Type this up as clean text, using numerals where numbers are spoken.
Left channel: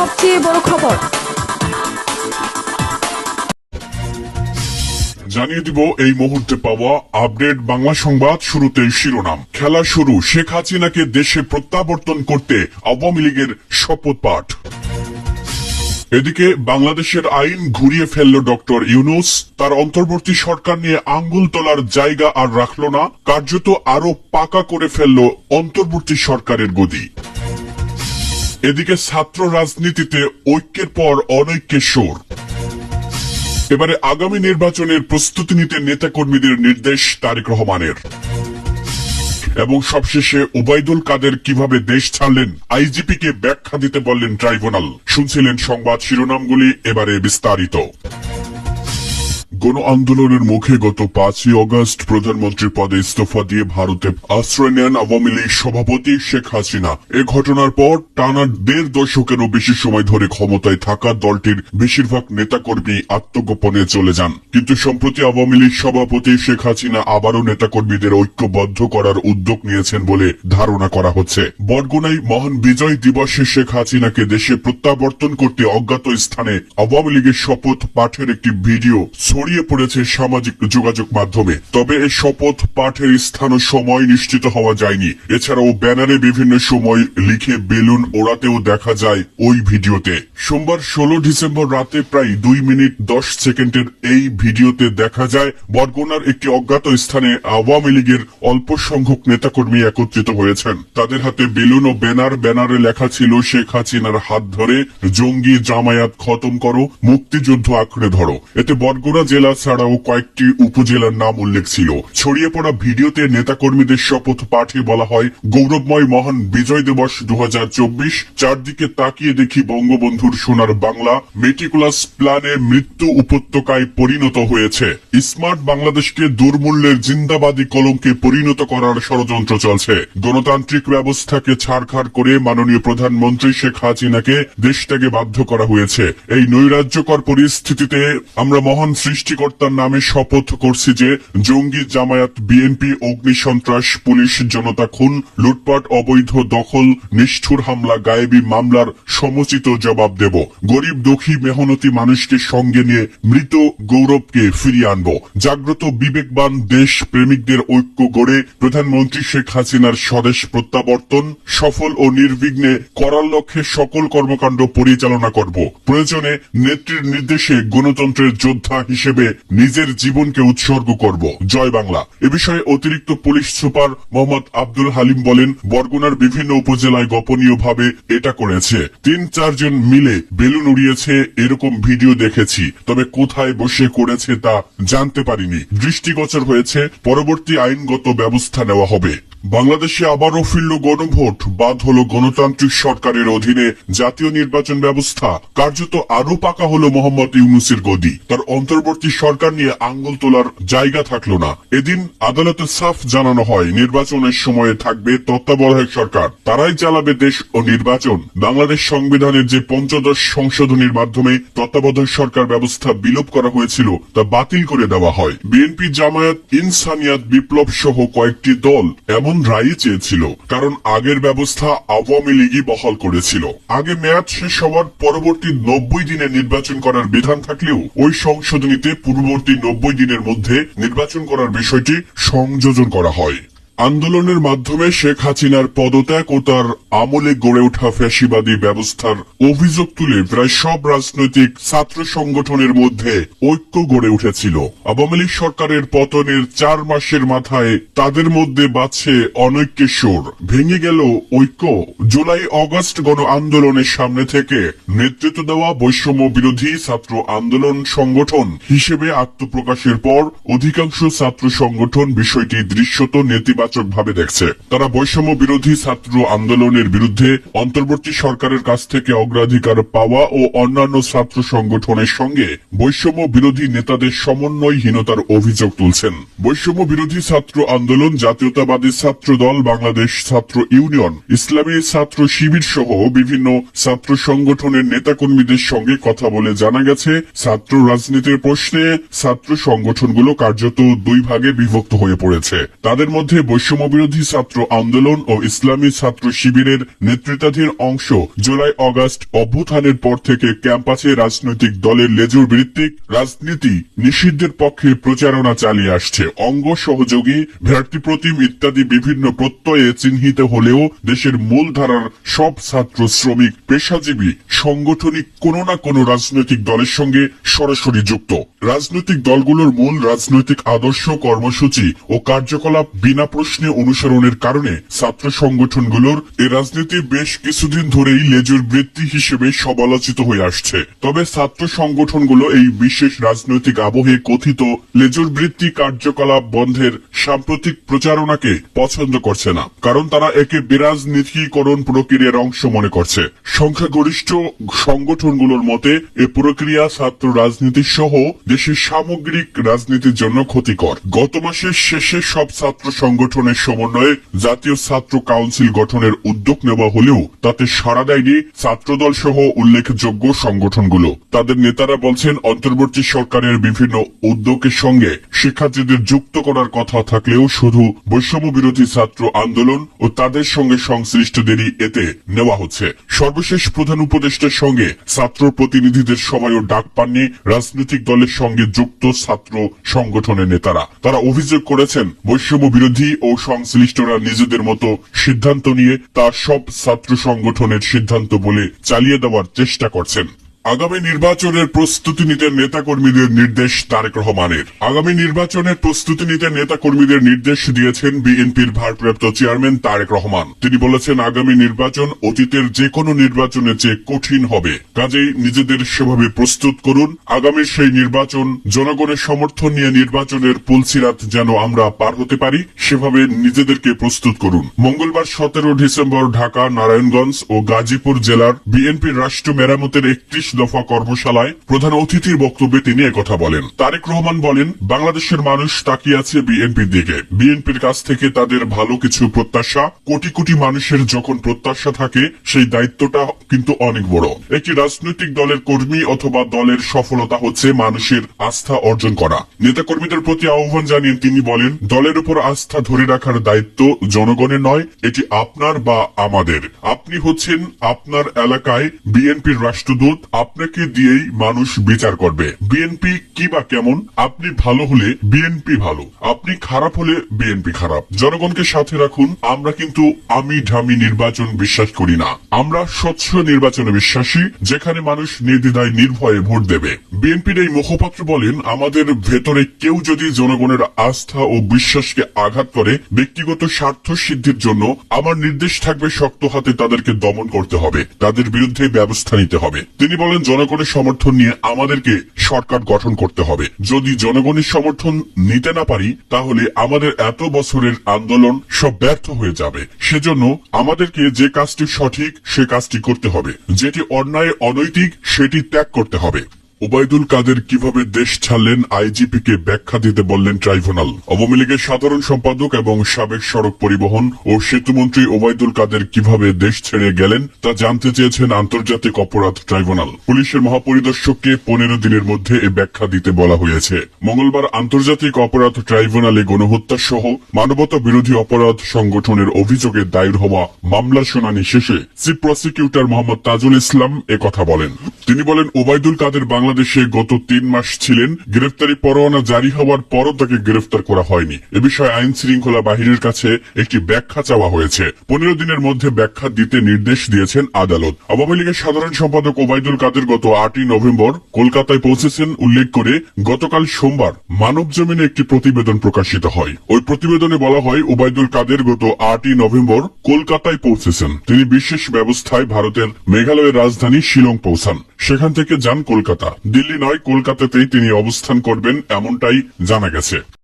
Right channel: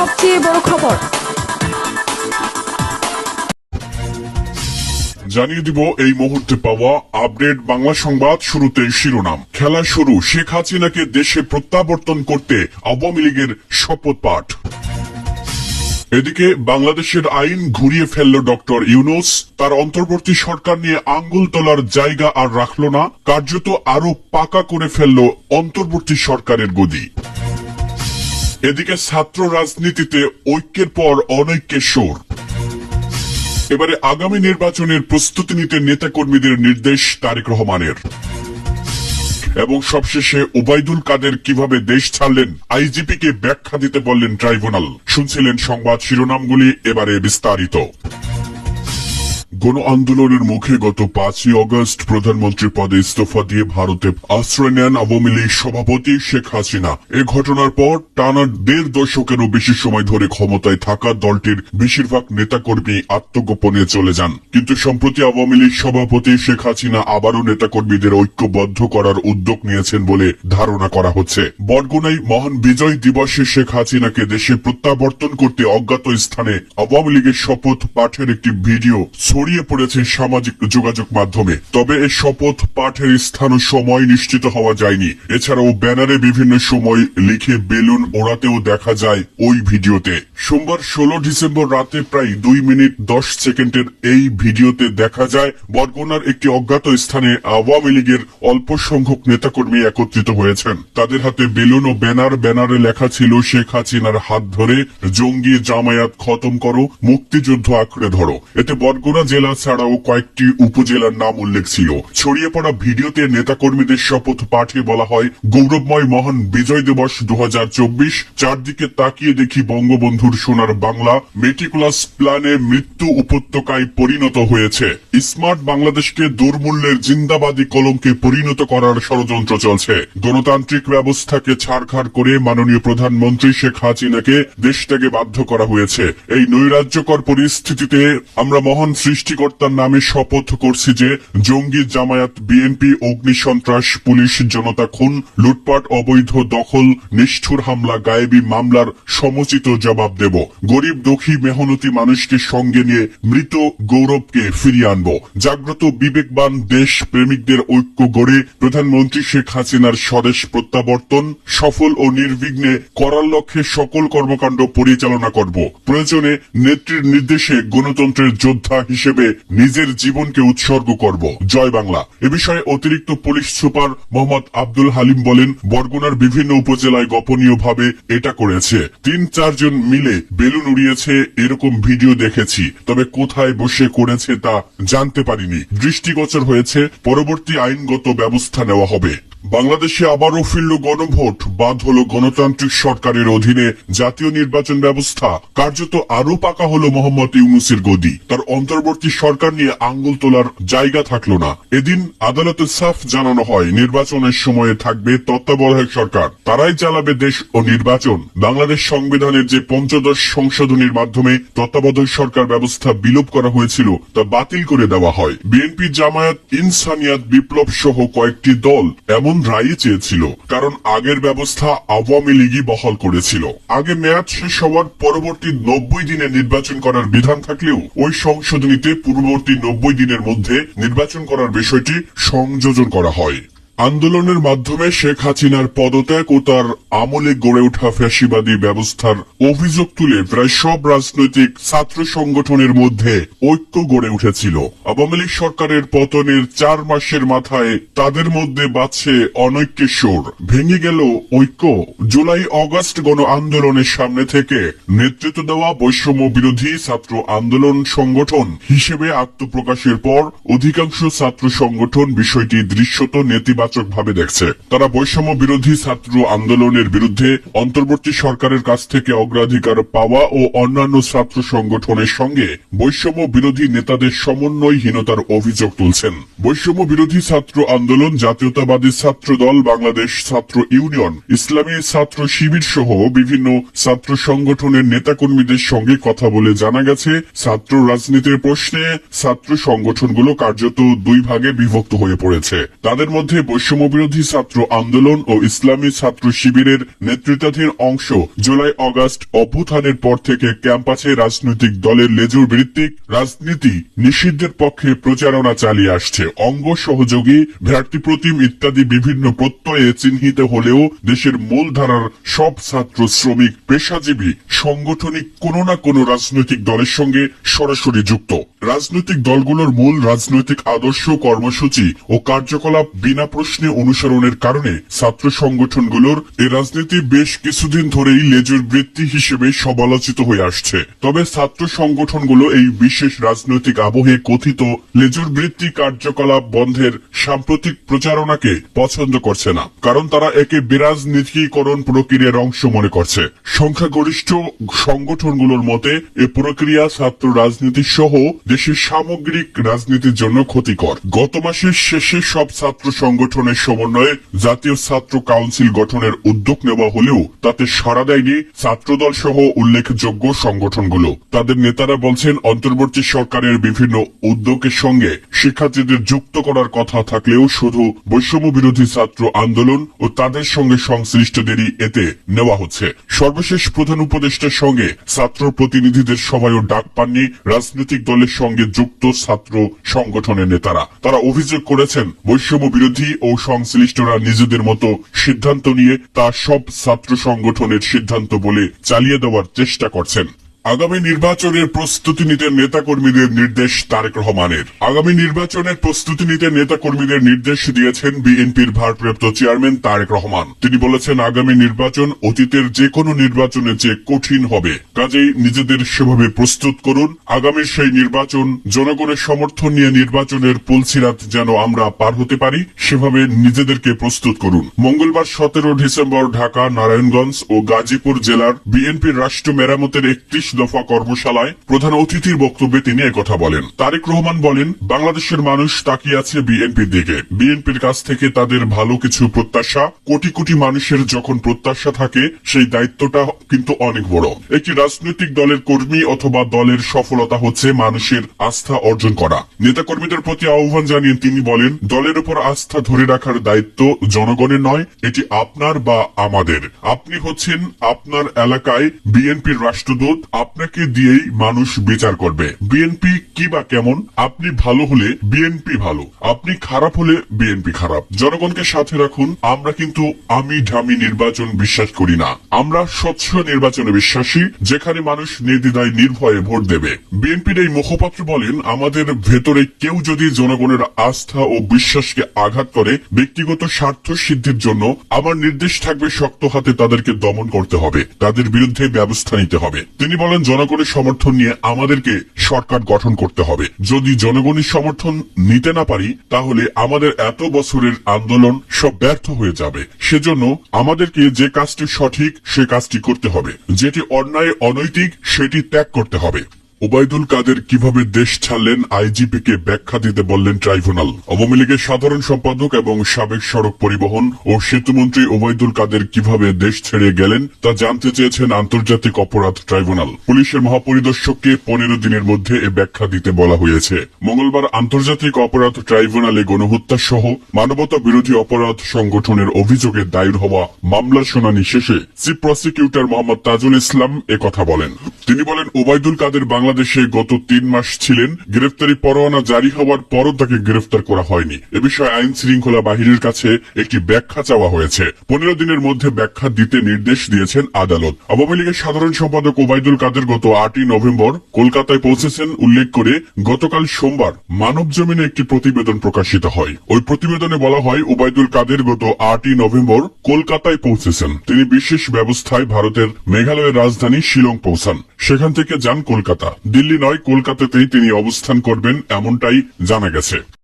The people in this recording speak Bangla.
সবচেয়ে বড় খবর। জানিয়ে দিব এই মুহূর্তে পাওয়া আপডেট বাংলা সংবাদ। শুরুতে শিরোনাম। খেলা শুরু, শেখ হাসিনাকে দেশে প্রত্যাবর্তন করতে আওয়ামী লীগের শপথ পাঠ। এদিকে বাংলাদেশের আইন ঘুরিয়ে ফেলল ডক্টর ইউনূস। তার অন্তর্বর্তী সরকার নিয়ে আঙ্গুল তোলার জায়গা আর রাখল না, কার্যত আরো পাকা করে ফেলল অন্তর্বর্তী সরকারের গদি। এদিকে ছাত্র রাজনীতিতে ঐক্যের পর অনৈক্যের সুর। এবারে আগামী নির্বাচনের প্রস্তুতি নিতে নেতাকর্মীদের নির্দেশ তারেক রহমানের। এবং সবশেষে ওবায়দুল কাদের কিভাবে দেশ ছাড়লেন, আইজিপি কে ব্যাখ্যা দিতে বললেন ট্রাইব্যুনাল। শুনছিলেন সংবাদ শিরোনামগুলি, এবারে বিস্তারিত। গণ আন্দোলনের মুখে গত 5ই অগস্ট প্রধানমন্ত্রী পদে ইস্তফা দিয়ে ভারতে আশ্রয় নেন আওয়ামী লীগ সভাপতি শেখ হাসিনা। এ ঘটনার পর টানা 1.5 দশকেরও বেশি সময় ধরে ক্ষমতায় থাকা দলটির বেশিরভাগ নেতাকর্মী আত্মগোপনে চলে যান। কিন্তু সম্প্রতি আওয়ামী লীগ সভাপতি শেখ হাসিনা আবারও নেতাকর্মীদের ঐক্যবদ্ধ করার উদ্যোগ নিয়েছেন বলে ধারণা করা হচ্ছে। বরগুনায় মহান বিজয় দিবসে শেখ হাসিনাকে দেশে প্রত্যাবর্তন করতে অজ্ঞাত স্থানে আওয়ামী লীগের শপথ পাঠের একটি ভিডিও ছড়িয়ে পড়েছে সামাজিক যোগাযোগ মাধ্যমে। তবে এই শপথ পাঠের স্থান ও সময় নিশ্চিত হওয়া যায়নি। এছাড়াও ব্যানারে বিভিন্ন সময় লিখে বেলুন ওড়াতেও দেখা যায় ওই ভিডিওতে। সোমবার 16 ডিসেম্বর রাতে প্রায় 2 মিনিট 10 সেকেন্ডের এই ভিডিওতে দেখা যায় বরগুনার একটি অজ্ঞাত স্থানে আওয়ামী লীগের অল্প সংখ্যক নেতাকর্মী একত্রিত হয়েছেন। তাদের হাতে বেলুন ও ব্যানারে লেখা ছিল শেখ হাসিনার হাত ধরে জঙ্গি জামায়াত খতম করো, মুক্তিযুদ্ধ আঁকড়ে ধরো। এতে বরগুনা জেলা ছাড়াও কয়েকটি উপজেলার নাম উল্লেখ ছিল। ছড়িয়ে পড়া ভিডিওতে নেতাকর্মীদের শপথ পাঠে বলা হয়, গৌরবময় মহান বিজয় দিবস 2024। চারদিকে তাকিয়ে দেখি বঙ্গবন্ধুর সোনার বাংলা মেটিকুলাস প্ল্যানে মৃত্যু উপত্যকায় পরিণত হয়েছে। স্মার্ট বাংলাদেশকে দুর্মূল্যের জিন্দাবাদী কলঙ্কে পরিণত করার ষড়যন্ত্র চলছে। গণতান্ত্রিক ব্যবস্থাকে ছাড়খাড় করে মাননীয় প্রধানমন্ত্রী শেখ হাসিনাকে দেশ ত্যাগে বাধ্য করা হয়েছে। এই নৈরাজ্যকর পরিস্থিতিতে আমরা মহান সৃষ্টিকর্তার নামে শপথ করছি যে জঙ্গি জামায়াত বিএনপি অগ্নিসন্ত্রাস পুলিশ জনতা খুন লুটপাট অবৈধ দখল নিষ্ঠুর হামলা গায়েবী মামলার সমুচিত জবাব দেব। গরিব দুঃখী মেহনতি মানুষকে সঙ্গে নিয়ে মৃত গৌরবকে ফিরিয়ে আনব। জাগ্রত বিবেকবান দেশ প্রেমিকদের ঐক্য গড়ে প্রধানমন্ত্রী শেখ হাসিনার স্বদেশ প্রত্যাবর্তন সফল ও নির্বিঘ্নে করার লক্ষ্যে সকল কর্মকাণ্ড পরিচালনা করব। প্রয়োজনে নেত্রীর নির্দেশে গণতন্ত্রের যোদ্ধা হিসেবে নিজের জীবনকে উৎসর্গ করব। জয় বাংলা। এ বিষয়ে অতিরিক্ত পুলিশ সুপার মোহাম্মদ আব্দুল হালিম বলেন, বরগুনার বিভিন্ন উপজেলায় গোপনীয়ভাবে এটা করেছে। 3-4 জন মিলে বেলুন উড়িয়েছে, এরকম ভিডিও দেখেছি। তবে কোথায় বসে করেছে তা জানতে পারিনি। দৃষ্টিগোচর হয়েছে, পরবর্তী আইনগত ব্যবস্থা নেওয়া হবে। বাংলাদেশে আবারও ফিরল গণভোট, বাদ হলো গণতান্ত্রিক সরকারের অধীনে জাতীয় নির্বাচন ব্যবস্থা। কার্যত আরো পাকা হলো মোহাম্মদ ইউনূসের গদি। তার অন্তর্বর্তী সরকার নিয়ে আঙ্গুল তোলার জায়গা থাকলো না। এদিন আদালতে সাফ জানানো হয়, নির্বাচনের সময়ে থাকবে তত্ত্বাবধায়ক সরকার, তারাই চালাবে দেশ ও নির্বাচন। বাংলাদেশ সংবিধানের যে 15 সংশোধনীর মাধ্যমে তত্ত্বাবধায়ক সরকার ব্যবস্থা বিলোপ করা হয়েছিল তা বাতিল করে দেওয়া হয়। বিএনপি জামায়াত ইনসানিয়াত বিপ্লব সহ কয়েকটি দল এমন রায় চেয়েছিল, কারণ আগের ব্যবস্থা আওয়ামী লীগই বহাল করেছিল। আগে মেয়াদ শেষ হওয়ার পরবর্তী 90 দিনে নির্বাচন করার বিধান থাকলেও ওই সংশোধনীতে পূর্ববর্তী 90 দিনের মধ্যে নির্বাচন করার বিষয়টি সংযোজন করা হয়। আন্দোলনের মাধ্যমে শেখ হাসিনার পদত্যাগ ও তার আমলে গড়ে ওঠা ফ্যাসিবাদী ব্যবস্থার অভিযোগ তুলে প্রায় সব রাজনৈতিক ছাত্র সংগঠনের মধ্যে ঐক্য গড়ে উঠেছিল। আওয়ামী লীগ সরকারের পতনের 4 মাসের মাথায় তাদের মধ্যে বাজছে অনৈক্যের সুর। ভেঙে গেল ঐক্য। জুলাই অগস্ট গণ আন্দোলনের সামনে থেকে নেতৃত্ব দেওয়া বৈষম্য বিরোধী ছাত্র আন্দোলন সংগঠন হিসেবে আত্মপ্রকাশের পর অধিকাংশ ছাত্র সংগঠন বিষয়টি দৃশ্যত নেতিবাচক ভাবে দেখছে। তারা বৈষম্য বিরোধী ছাত্র আন্দোলনের বিরুদ্ধে অন্তর্বর্তী সরকারের কাছ থেকে অগ্রাধিকার পাওয়া ও অন্যান্য ছাত্র সংগঠনের সঙ্গে বৈষম্য বিরোধী নেতাদের সমন্বয়হীনতার অভিযোগ তুলছেন। বৈষম্য বিরোধী ছাত্র আন্দোলন, জাতীয়তাবাদী ছাত্র দল, বাংলাদেশ ছাত্র ইউনিয়ন, ইসলামী ছাত্র শিবির সহ বিভিন্ন ছাত্র সংগঠনের নেতাকর্মীদের সঙ্গে কথা বলে জানা গেছে, ছাত্র রাজনীতির প্রশ্নে ছাত্র সংগঠনগুলো কার্যত 2 ভাগে বিভক্ত হয়ে পড়েছে। তাদের মধ্যে বৈষম্যবিরোধী ছাত্র আন্দোলন ও ইসলামী ছাত্র শিবিরের নেতৃত্বাধীন অংশ জুলাই আগস্ট অভ্যুত্থানের পর থেকে ক্যাম্পাসে রাজনৈতিক দলের লেজুর ভিত্তিক রাজনীতি নিষিদ্ধের পক্ষে প্রচারণা চালিয়ে আসছে। অঙ্গ সহযোগী ভ্রাতৃপ্রতিম ইত্যাদি বিভিন্ন প্রত্যয়ে চিহ্নিত হলেও দেশের মূল ধারার সব ছাত্র শ্রমিক পেশাজীবী সাংগঠনিক কোনো না কোনো রাজনৈতিক দলের সঙ্গে সরাসরি যুক্ত। রাজনৈতিক দলগুলোর মূল রাজনৈতিক আদর্শ, কর্মসূচি ও কার্যকলাপ বিনা প্রশ্নে অনুসরণের কারণে ছাত্র সংগঠনগুলোর এই রাজনীতি বেশ কিছুদিন ধরেই লেজুর বৃত্তি হিসেবে সমালোচিত হয়ে আসছে। তবে ছাত্র সংগঠনগুলো এই বিশেষ রাজনৈতিক আবহে কথিত লেজুর বৃত্তি কার্যকলাপ বন্ধের সাম্প্রতিক প্রচারণাকে পছন্দ করছে না, কারণ তারা একে বিরাজনীতিকরণ প্রক্রিয়ার অংশ মনে করছে। সংখ্যাগরিষ্ঠ সংগঠনগুলোর মতে এ প্রক্রিয়া ছাত্র রাজনীতি সহ দেশের সামগ্রিক রাজনীতির জন্য ক্ষতিকর। গত মাসের শেষে সব ছাত্র সংগঠনের সমন্বয়ে জাতীয় ছাত্র কাউন্সিল গঠনের উদ্যোগ নেওয়া হলেও তাতে সাড়া দেয়নি ছাত্রদল সহ উল্লেখযোগ্য সংগঠনগুলো। তাদের নেতারা বলছেন, অন্তর্বর্তী সরকারের বিভিন্ন উদ্যোগের সঙ্গে শিক্ষার্থীদের যুক্ত করার কথা থাকলেও শুধু বৈষম্য বিরোধী ছাত্র আন্দোলন ও তাদের সঙ্গে সংশ্লিষ্টদেরই এতে নেওয়া হচ্ছে। সর্বশেষ প্রধান উপদেষ্টার সঙ্গে ছাত্র প্রতিনিধিদের সভায়ও ডাক পাননি রাজনৈতিক দলের সঙ্গে যুক্ত ছাত্র সংগঠনের নেতারা। তারা অভিযোগ করেছেন, বৈষম্য বিরোধী ও সংশ্লিষ্টরা নিজেদের মতো সিদ্ধান্ত নিয়ে তা সব ছাত্র সংগঠনের সিদ্ধান্ত বলে চালিয়ে দেওয়ার চেষ্টা করছেন। আগামী নির্বাচনের প্রস্তুতি নিতে নেতাকর্মীদের নির্দেশ তারেক রহমানের। আগামী নির্বাচনের প্রস্তুতি নিতে নেতাকর্মীদের নির্দেশ দিয়েছেন বিএনপির ভারপ্রাপ্ত চেয়ারম্যান তারেক রহমান। তিনি বলেছেন, আগামী নির্বাচন অতীতের যে কোনো নির্বাচনের চেয়ে কঠিন হবে, কাজেই নিজেদের সেভাবে প্রস্তুত করুন। আগামী সেই নির্বাচন জনগণের সমর্থন নিয়ে নির্বাচনের পুলসিরাত যেন আমরা পার হতে পারি, সেভাবে নিজেদেরকে প্রস্তুত করুন। মঙ্গলবার 17 ডিসেম্বর ঢাকা, নারায়ণগঞ্জ ও গাজীপুর জেলার বিএনপির রাষ্ট্র মেরামতের 31 দফা কর্মশালায় প্রধান অতিথির বক্তব্যে তিনি একথা বলেন। তারেক রহমান বলেন, বাংলাদেশের মানুষ তাকিয়ে আছে বিএনপির দিকে। বিএনপির কাছ থেকে তাদের ভালো কিছু প্রত্যাশা। কোটি কোটি মানুষের যখন প্রত্যাশা থাকে, সেই দায়িত্বটা কিন্তু অনেক বড়। একটি রাজনৈতিক দলের কর্মী অথবা দলের সফলতা হচ্ছে মানুষের আস্থা অর্জন করা। নেতাকর্মীদের প্রতি আহ্বান জানিয়ে তিনি বলেন, দলের উপর আস্থা ধরে রাখার দায়িত্ব জনগণের নয়, এটি আপনার বা আমাদের। আপনি হচ্ছেন আপনার এলাকায় বিএনপির রাষ্ট্রদূত। আপনাকে দিয়েই মানুষ বিচার করবে বিএনপি কি বা কেমন। আপনি ভালো হলে বিএনপি ভালো, আপনি খারাপ হলে বিএনপি খারাপ। জনগণকে সাথে রাখুন। আমরা কিন্তু আমি ঢামি নির্বাচন বিশ্বাস করি না, আমরা স্বচ্ছ নির্বাচনে বিশ্বাসী, যেখানে মানুষ নির্দ্বিধায় নির্ভয়ে ভোট দেবে। বিএনপির এই মুখপাত্র বলেন, আমাদের ভেতরে কেউ যদি জনগণের আস্থা ও বিশ্বাসকে আঘাত করে, ব্যক্তিগত স্বার্থ সিদ্ধির জন্য আমার নির্দেশ থাকবে শক্ত হাতে তাদেরকে দমন করতে হবে, তাদের বিরুদ্ধে ব্যবস্থা নিতে হবে। তিনি বলেন, জনগণের সমর্থন নিয়ে আমাদেরকে সরকার গঠন করতে হবে। যদি জনগণের সমর্থন নিতে না পারি, তাহলে আমাদের এত বছরের আন্দোলন সব ব্যর্থ হয়ে যাবে। সেজন্য আমাদেরকে যে কাজটি সঠিক সে কাজটি করতে হবে, যেটি অন্যায় অনৈতিক সেটি ত্যাগ করতে হবে। ওবায়দুল কাদের কিভাবে দেশ ছাড়লেন, আইজিপি কে ব্যাখ্যা দিতে বললেন ট্রাইব্যুনাল। আওয়ামী লীগের সাধারণ সম্পাদক এবং সাবেক সড়ক পরিবহন ও সেতুমন্ত্রী ওবায়দুল কাদের কিভাবে দেশ ছেড়ে গেলেন তা জানতে চেয়েছেন আন্তর্জাতিক অপরাধ ট্রাইব্যুনাল। পুলিশের মহাপরিদর্শককে 15 দিনের মধ্যে এ ব্যাখ্যা দিতে বলা হয়েছে। মঙ্গলবার আন্তর্জাতিক অপরাধ ট্রাইব্যুনালে গণহত্যা সহ মানবতা বিরোধী অপরাধ সংগঠনের অভিযোগে দায়ের হওয়া মামলার শুনানি শেষে চিফ প্রসিকিউটর মোহাম্মদ তাজুল ইসলাম একথা বলেন। তিনি বলেন, ওবায়দুল কাদের বাংলাদেশে গত 3 মাস ছিলেন। গ্রেফতারি পরোয়ানা জারি হওয়ার পরও তাকে গ্রেফতার করা হয়নি। এ বিষয়ে আইন শৃঙ্খলা বাহিনীর কাছে একটি ব্যাখ্যা চাওয়া হয়েছে। 15 দিনের মধ্যে ব্যাখ্যা দিতে নির্দেশ দিয়েছেন আদালত। আওয়ামী লীগের সাধারণ সম্পাদক ওবায়দুল কাদের গত 8 নভেম্বর কলকাতায় পৌঁছেছেন উল্লেখ করে গতকাল সোমবার মানব জমিনে একটি প্রতিবেদন প্রকাশিত হয়। ওই প্রতিবেদনে বলা হয়, ওবায়দুল কাদের গত 8 নভেম্বর কলকাতায় পৌঁছেছেন। তিনি বিশেষ ব্যবস্থায় ভারতের মেঘালয়ের রাজধানী শিলং পৌঁছান। সেখান থেকে যান কলকাতা। দিল্লি নয়, কলকাতাতেই তিনি অবস্থান করবেন এমনটাই জানা গেছে।